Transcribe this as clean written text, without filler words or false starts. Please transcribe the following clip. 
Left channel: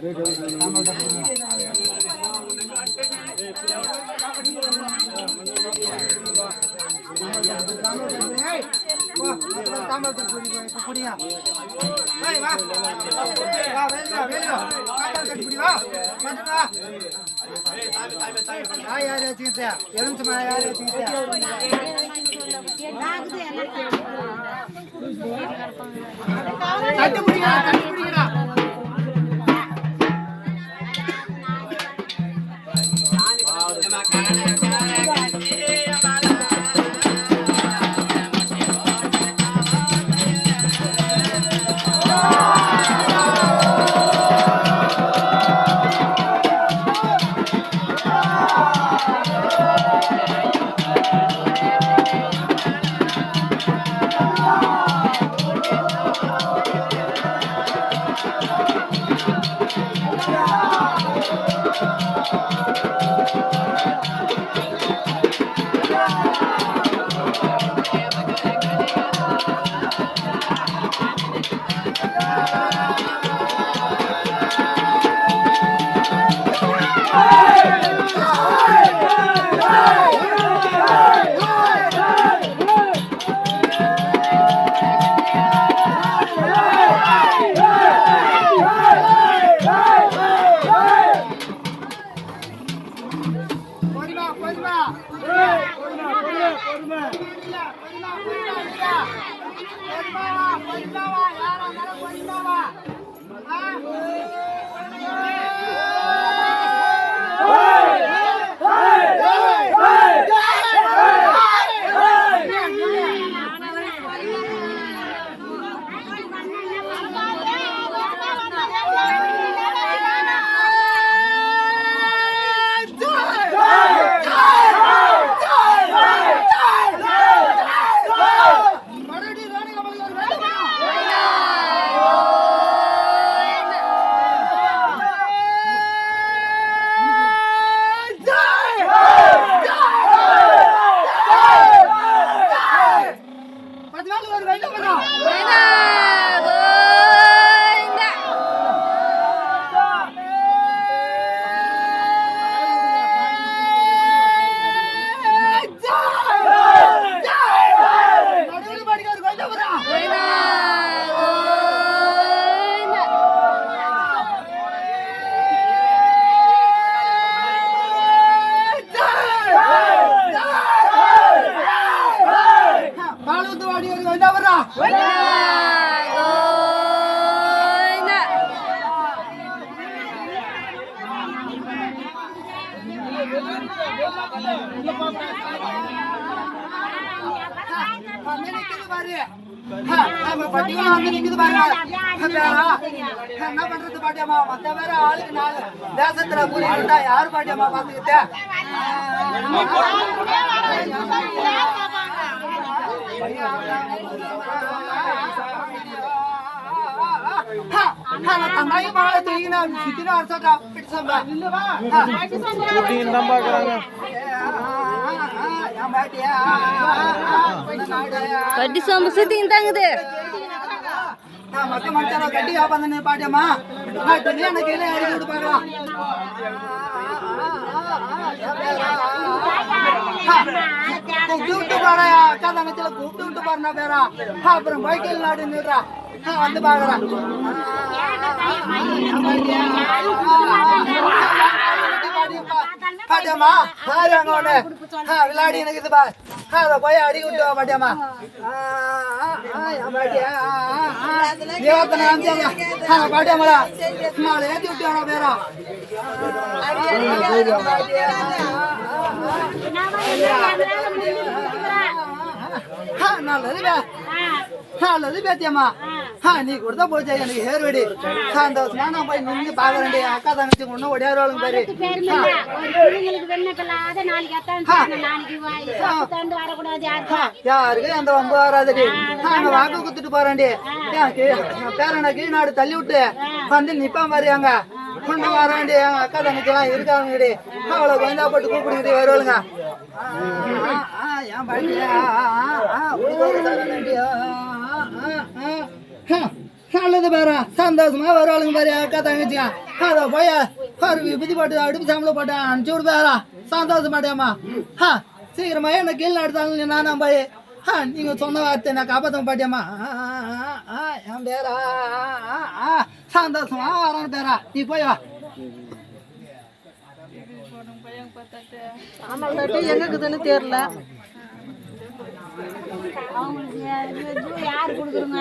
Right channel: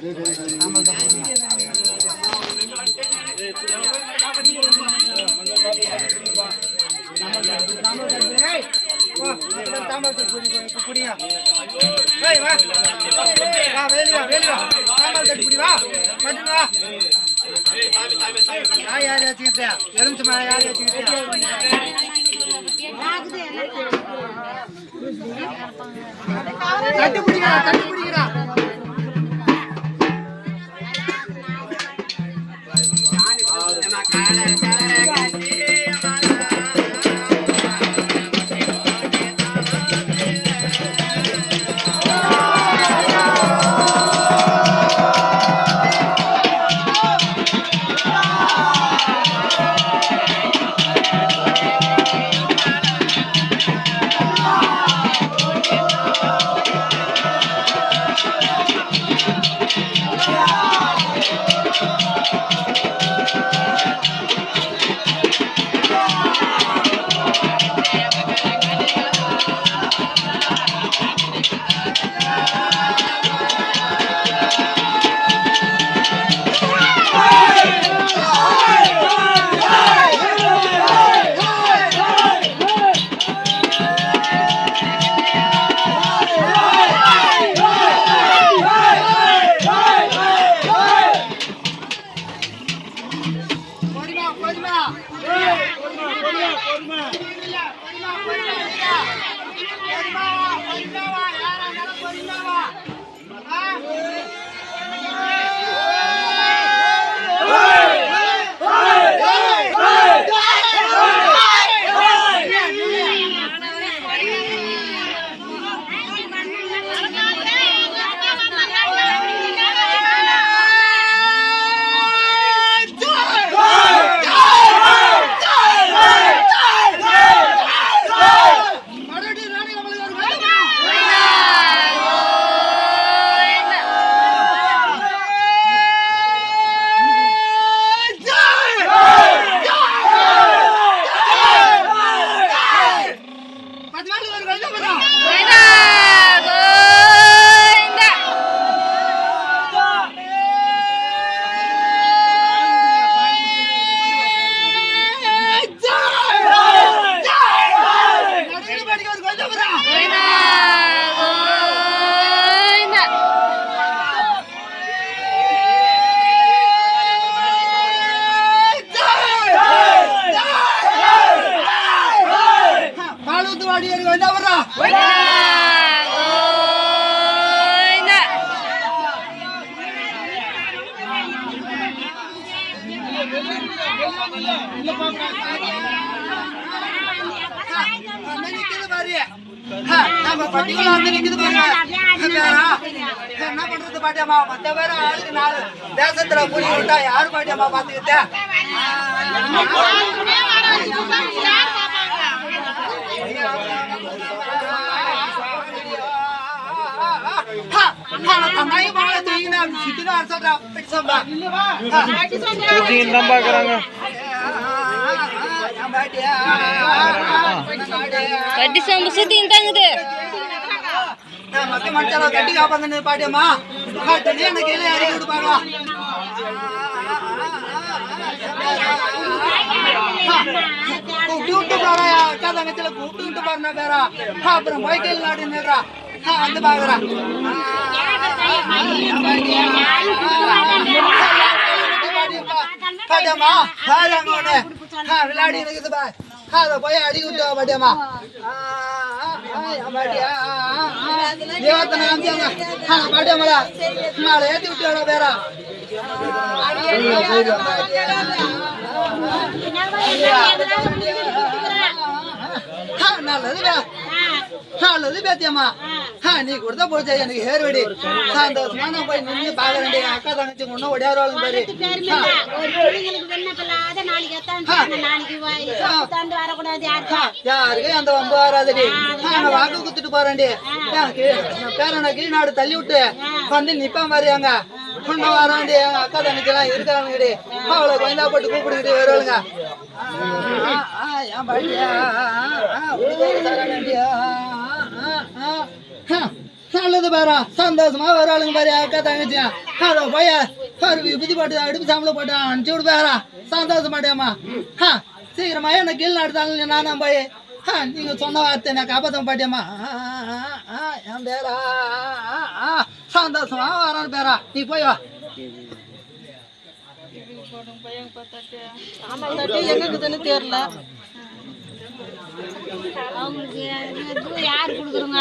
என்ன பண்றது பாட்டியம்மா? மத்த பேர ஆளுக்கு 4 தேசத்துல புலி விட்டா யாரு பாட்டியம்மா பாத்துக்கிட்ட? கட்டி சாம்பு சுத்தி தாங்குது மத்த மனுஷால கட்டி காப்பாங்க பாட்டியம்மா. எனக்கு இலைய இறக்கி விட்டு பாக்கலாம். கூப்பிட்டு பாரு அக்கா தங்கச்சில கூப்பிட்டு பாருனா பேரா. அப்புறம் பைக்கில் நாடு நின்றா வந்து பாக்குறான். பாட்டியம்மா பாரு அங்க ஒண்ணு விளையாடி இருக்குது பா. அதை போய் அடி விட்டு பாட்டியம்மா. தேவத்தனை அமிச்சாங்க பாட்டியம்மாளா மாலை ஏற்றி விட்டுவாடா பேரா. நல்லது பேத்தியம்மா. நீ கொடுத்தா போச்சா எனக்கு ஹேர் வெடி சந்தோஷமா நான் போய் நின்று பாக்குறேன். அக்கா தங்கச்சி ஒன்னும் ஒடியாருவாளுங்க பாரு. யாருக்கு அந்த வம்பு வராதடி. நான் வாக்கு குத்துட்டு போறேன்டி. பேரனை கீழ்நாடு தள்ளி விட்டு வந்து நிப்பான் பாரு. அங்க பொண்ணு வராண்டி எங்க அக்கா தங்கச்சி எல்லாம் இருக்காங்கடி. அவளை கொய்ந்தா போட்டு கூப்பிடுக்கிட்டு வருவாளுங்க. என் பாட்டியா நல்லது பாரு சந்தோஷமா வருவாளுங்க பாரு அக்கா தங்கச்சியா அதோ போய் ஒரு விபதி போட்டு அடுப்பு சாம்பல போட்டு அனுப்பிச்சு விடு பேரா சந்தோஷமாட்டியாம்மா சீக்கிரமா என்ன கீழே நடத்தாலும் நானும் போய் நீங்க சொன்ன வார்த்தை நான் காப்பாற்ற பாட்டியம்மா என் பேரா சந்தோஷமா வரான்னு பேரா நீ போய் வா எங்கக்குதுன்னு தெரியல அவங்களுக்கு யார் கொடுக்குறோங்க